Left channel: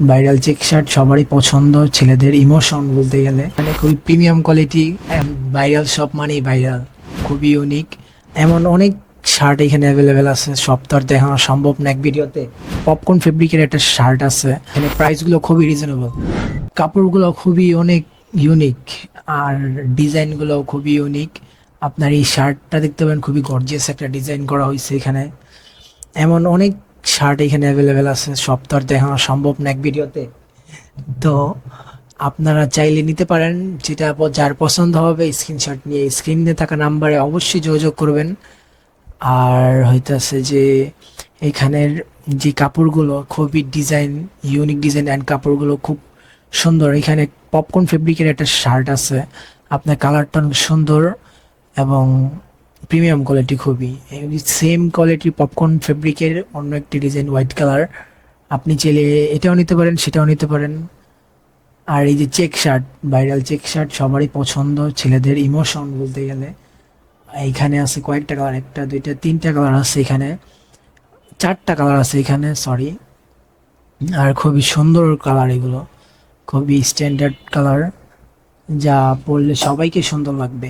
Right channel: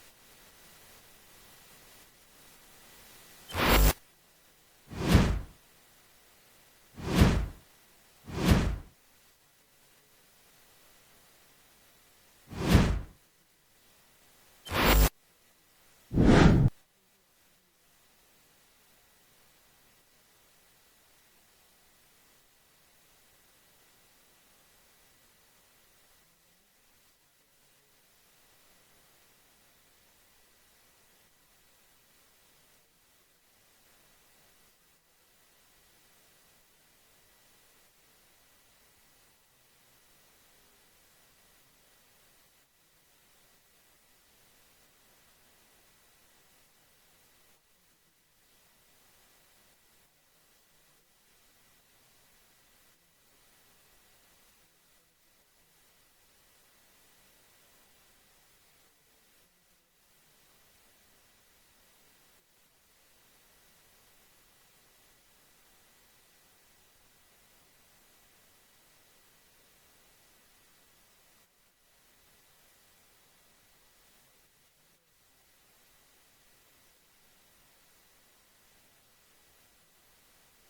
Viral check shirt সবারই পছন্দ, ছেলেদের ইমোশন বলতে গেলে মানে খুবই প্রিমিয়াম কোয়ালিটি। ভাইরাল সব মানেই ভাইরাল, খুবই ইউনিক। এমন অনেক শার্ট এখানে অ্যাভেলেবেল আছে, সব তো আর দেখানো সম্ভব না এক ভিডিওতে। পপকর্ন ফেব্রিকের একটা শার্ট আছে, এখানে প্রাইসগুলো খুবই রিজনেবল, কাপড়গুলো খুবই অনেক ইউনিক, আর ডিজাইনগুলো খুবই ইউনিক। আপনার এই শার্টটা দেখতে পাবেন, খুবই গর্জিয়াস একটা ডিজাইন করা হয়েছে এখানে। এমন অনেক শার্ট এখানে অ্যাভেলেবেল আছে, সব তো আর দেখানো সম্ভব না এক ভিডিওতে। তো আপনারা চাইলে নিতে পারেন, যেটা যার পছন্দ হবে স্ক্রিনশট নিয়ে স্ক্রিনে থাকা নাম্বারে অবশ্যই যোগাযোগ করবেন। আর হইতাছে যে এখানের যে কাপড়গুলো খুবই ডিজাইন, ইউনিক ডিজাইন অ্যান্ড কাপড়গুলো খুব সুন্দর। এখানে পপকর্ন ফেব্রিকের একটা শার্ট আছে, আপনার কালারটা অনেক সুন্দর এবং প্রিমিয়াম কোয়ালিটি খুবই। সেম কোয়ালিটির পপকর্ন ফেব্রিকের অন্য একটি ডিজাইন হোয়াইট কালার, আপনি চাইলে এটাও নিতে পারেন সেটাও নিতে পারেন। আর এই যে check shirt, viral check shirt সবারই পছন্দ, ছেলেদের ইমোশন বলতে গেলে। এইখানে আছে কয়েকটা কালার, একটা দুইটা তিনটা কালার আছে এখানে, চারটা কালার আছে এখানে, সরি। আর খুবই সুন্দর কালার এগুলো, খুবই স্ট্যান্ডার্ড কালার, যা পরলে সবাইকে সুন্দর লাগবে।